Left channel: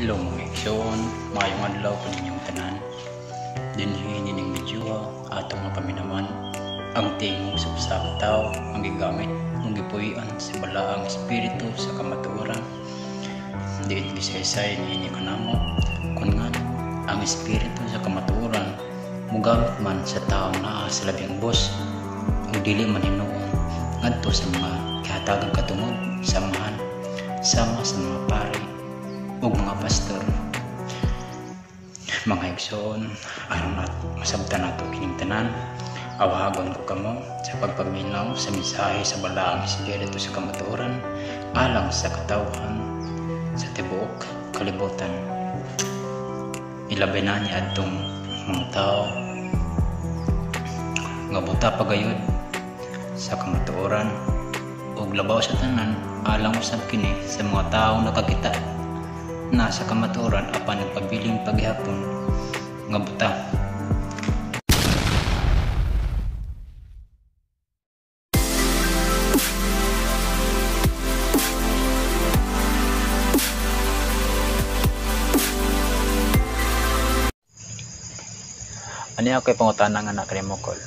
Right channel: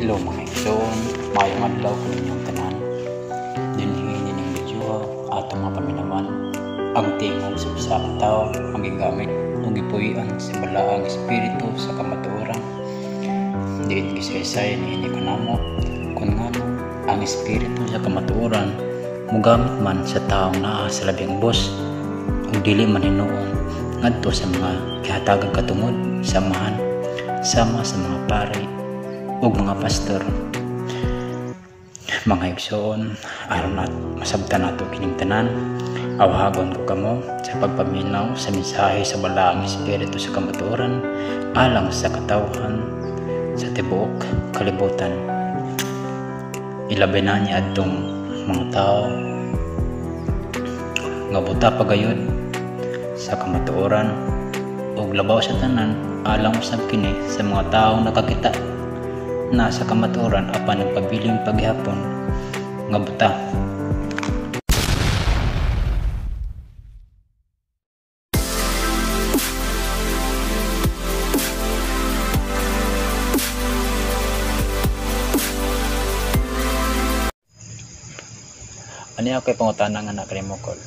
Hello mga igsoon, mayong adlaw ko ninyong tanan. Dinhihin nining medyo atong mapaminawan ang tingog sa tao ang gigamit ng gipuy-an sa balaang espiritu sa kamatuoran. Diin gisaysay ni kanamo kun ngano ang espiritu sa kamatuoran mogamit man sa taong naa sa labing ubos ug dili man hinuon ngadto sa mga kihatagang katungod samahan sama sa mga pari ug mga pastor. Mga igsoon, aron at masabtan nato kining tanan, awhagon ko kamo sa pagpaminaw sa mensahe sa balaang espiritu sa kamatuoran alang sa katawhan sa tibuok kalibutan. Ilabi na niya adtong mga tao nga buta pagayod sa kamatuoran ug labaw sa tanan alang usab kini sa mga taong nakakita na sa kamatuoran apan nagpabiling paghihapon nga buta. Ani ako'y pangutana nga nakrimokol.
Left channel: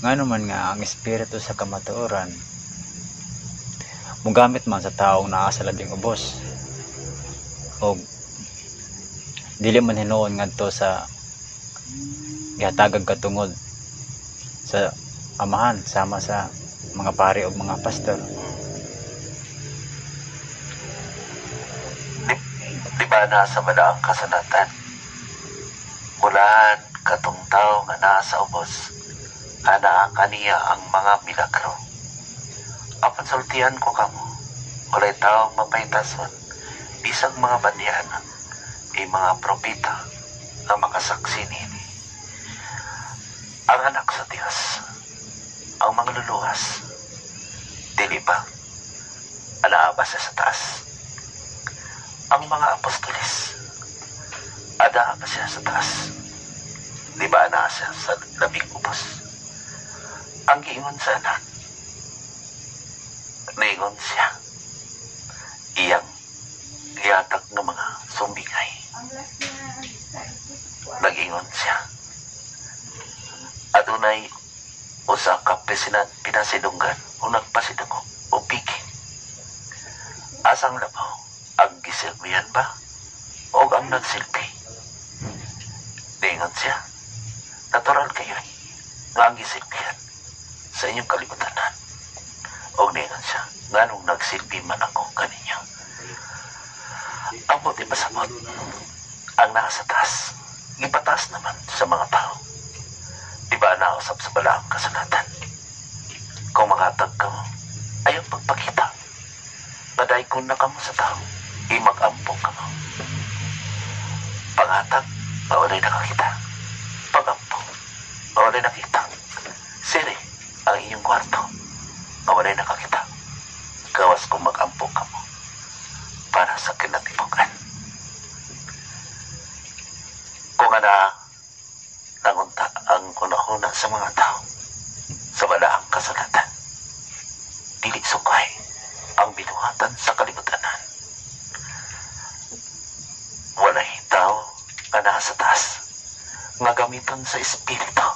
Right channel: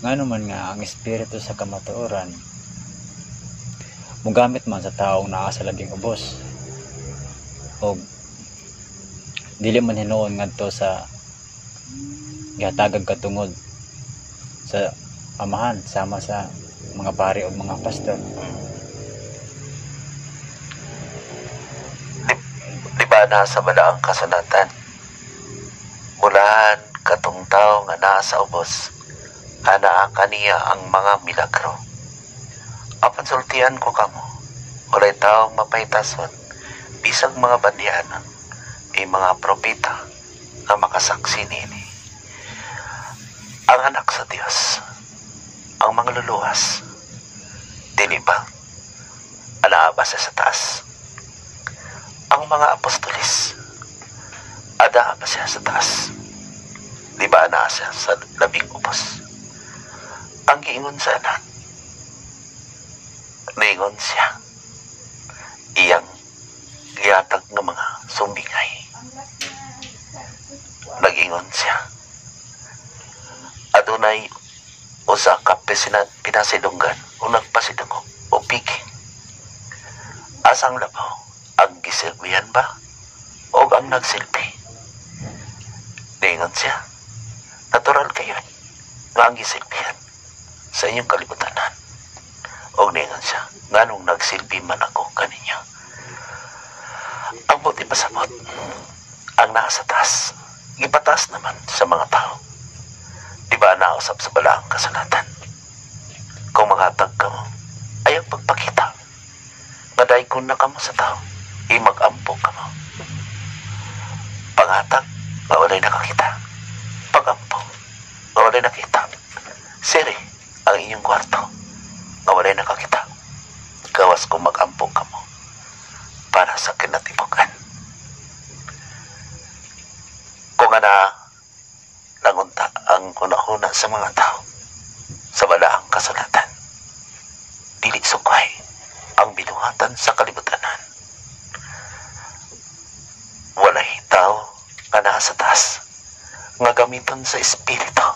Ngano man nga ang espiritu sa kamatuoran mugamit man sa taong naa sa labing ubos o dili man hinuon ngadto sa gihatagag katungod sa amahan sama sa mga pari o mga pastor. Di ba nasa balaang kasulatan mulan katong tao nga nasa ubos ana kaniya ang mga milagro. Apan sultian ko kamo walay tao mapaytason bisag mga bandianan may mga propeta na makasaksi nini. Ang anak sa Dios ang mga luluwas dili ba anaaba sa taas. Ang mga apostolis ada ba siya sa taas, di ba ana siya sa labing ubos. Ang giingon sa anak naingon siya iyang giyatag ng mga sumbingay. Nag-ingon siya adunay usa ka pinasidunggan o nagpasidungo o piki. Asang labaw ang gisilbihan ba o ang nagsilbi? Naingon siya natural kayo nga ang gisilbihan sa inyong kalibutanan. O naingon siya nganong nagsilbi man ako kaninyo. Ang buti pasabot ang nasa taas ipatas naman sa mga tao. Di ba nausap sa balaang kasulatan kung makatag ka mo ay ang pagpakita naday kung na ka mo sa tao imag-ampong ka mo. Pangatag mawalay nakakita, pag-ampong mawalay nakita, siri ang inyong kwarto mawalay nakakita, gawas kung mag-ampong ka mo para sa kinatibukan. Kung nangunta ang kunahuna sa mga tao sa balaang kasulatan, dili sukway ang binuhatan sa kalibutanan. Walay tao nga nasa taas nga gamiton sa espiritu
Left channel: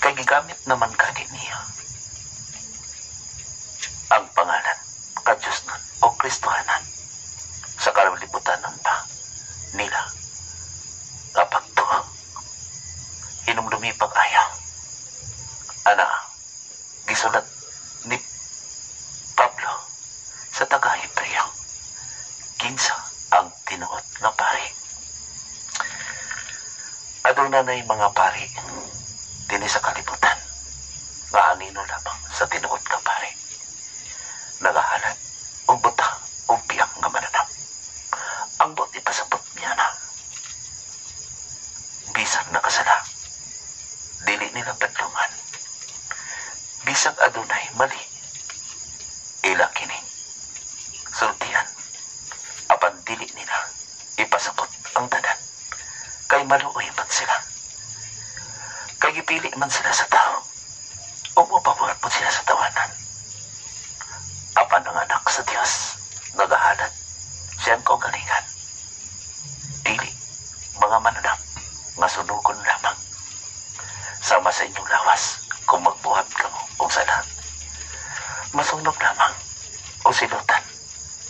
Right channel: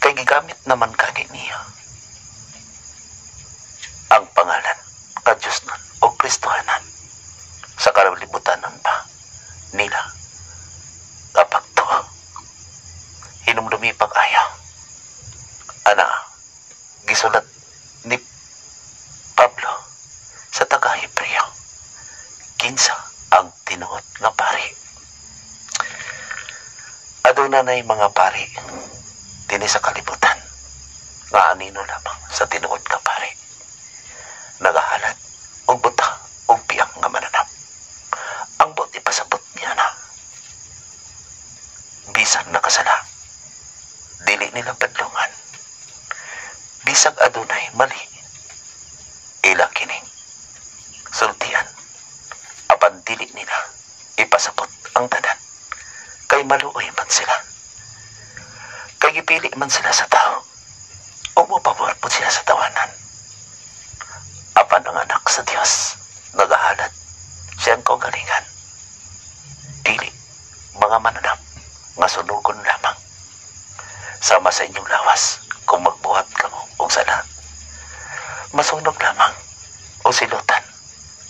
kay gigamit naman kani niya ang pangalan ka Diyos nun o Kristohanan sa kalibutanan pa nila kapag to hinumdumi pag-aya ana gisulat ni Pablo sa taga-Hebreo kinsa ang tinuod nga pari. Adunay mga pari dinhi sa kalibutan nga anino lamang sa tinuod nga pari nagahalat og buta og piyang nga mananap. Ang buti pasabot niya na bisan nakasala dili nila padlungan bisag adunay mali ila kining sultian apan dili nila ipasabot ang tanan kay maluoy man sila kay gipili man sila sa tao o mapabor po sila sa tawanan apan ang anak sa Dios nagahalat Siyang kaugalingan. Dili, mga mananap, nga sunugon lamang. Sama sa inyong lawas, kung magbuhat ka mo o sana. Masunog lamang o silutan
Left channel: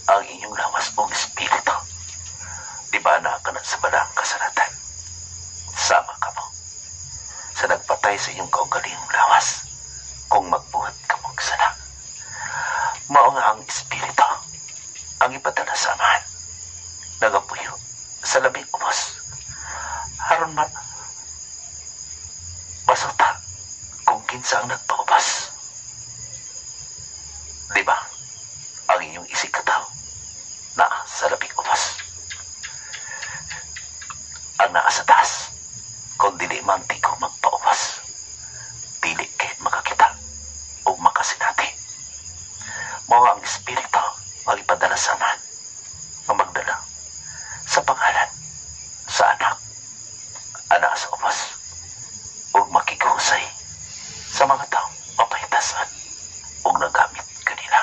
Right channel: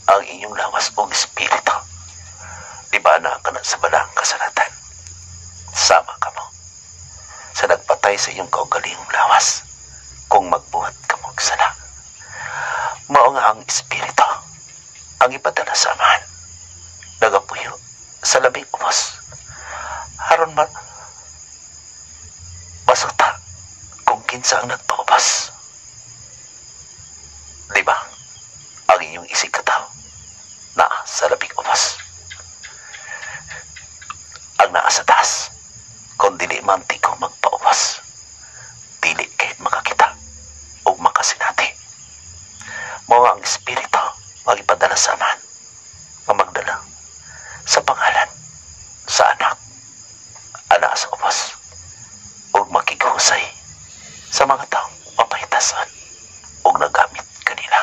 ang inyong lawas o espiritu. Di ba na ka na sa balang kasalatan? Sama ka mo sa nagpatay sa iyong kaugalingong lawas kung magbuhat ka mo sana. Mao nga ang espiritu ang ipadala sa amahan. Nagapuyo sa labing ubos. Haron masuta kung kinsa ang nagpaubas. Di ba? Ang inyong isig kataw na sa labing ubos. Ang naa sa taas, kung dili man ko magpaubas, dili kahit makakita o makasinati. Mao ang espiritu magipadala sa amahan nga magdala sa pangalan sa anak, anak sa ubos, o makikahusay sa mga taong mapahitasan o nagamit kanila.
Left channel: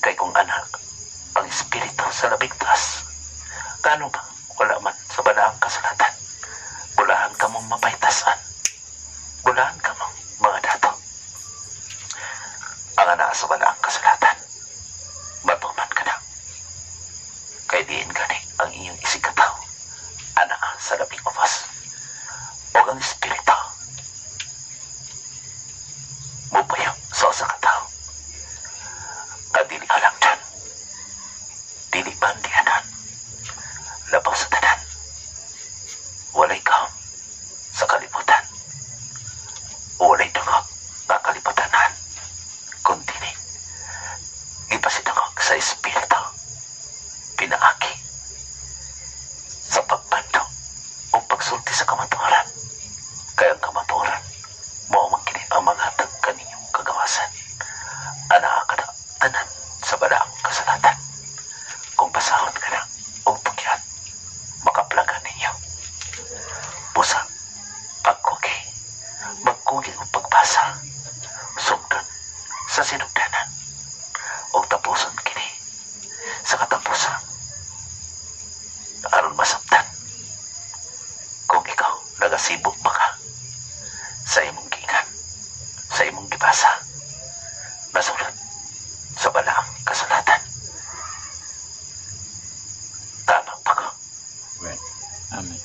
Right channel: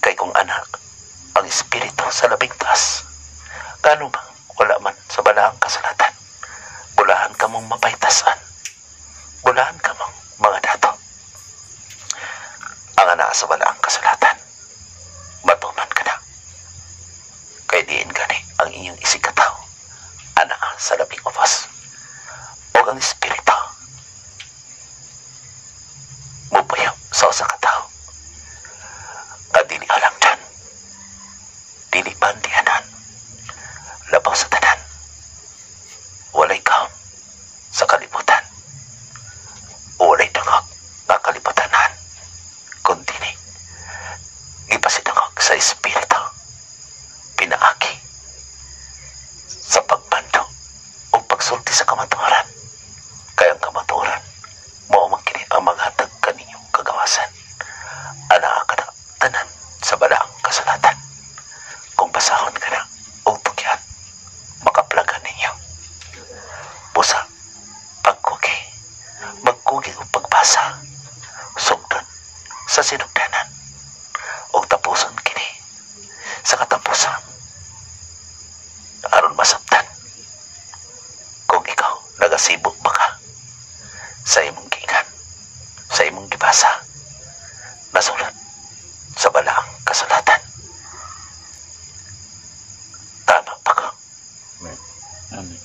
Kay kung anak ang espiritu sa labing taas, kano ba wala man sa balaang kasalatan, bulahan ka mong mapahitasan, bulahan ka mong mga dato. Ang anak sa balaang kasalatan, matuman ka na. Kay diin gani ang inyong isig kataw, anak sa labing ubos, o ang espiritu mupayang sa usa ka tawo. Kadili alang dyan, dili bandianan, labaw sa tanan, walay kaom sa kalibutan, walay dungog na kalibutanan, kundi ipasidungog sa espiritu, pinaaki sa pagbando o pagsulti sa kamatuoran. Kaya ang kamatuoran mao man kini ang maghatag kaninyong kagawasan. Ana ka na tanan sa balaang kasalatan. Kung basahon ka na o tugyat, makaplagan ninyo. Busa, pagkugi, magkugi o pagbasa, sugdan sa sinugdanan, o tapuson kini sa katapusan. Aron masabtan kung ikaw nagasibot ba ka sa imong giingan, sa imong gibasa, nasulat sa balaang kasulatan. Tama pa ka? Amen.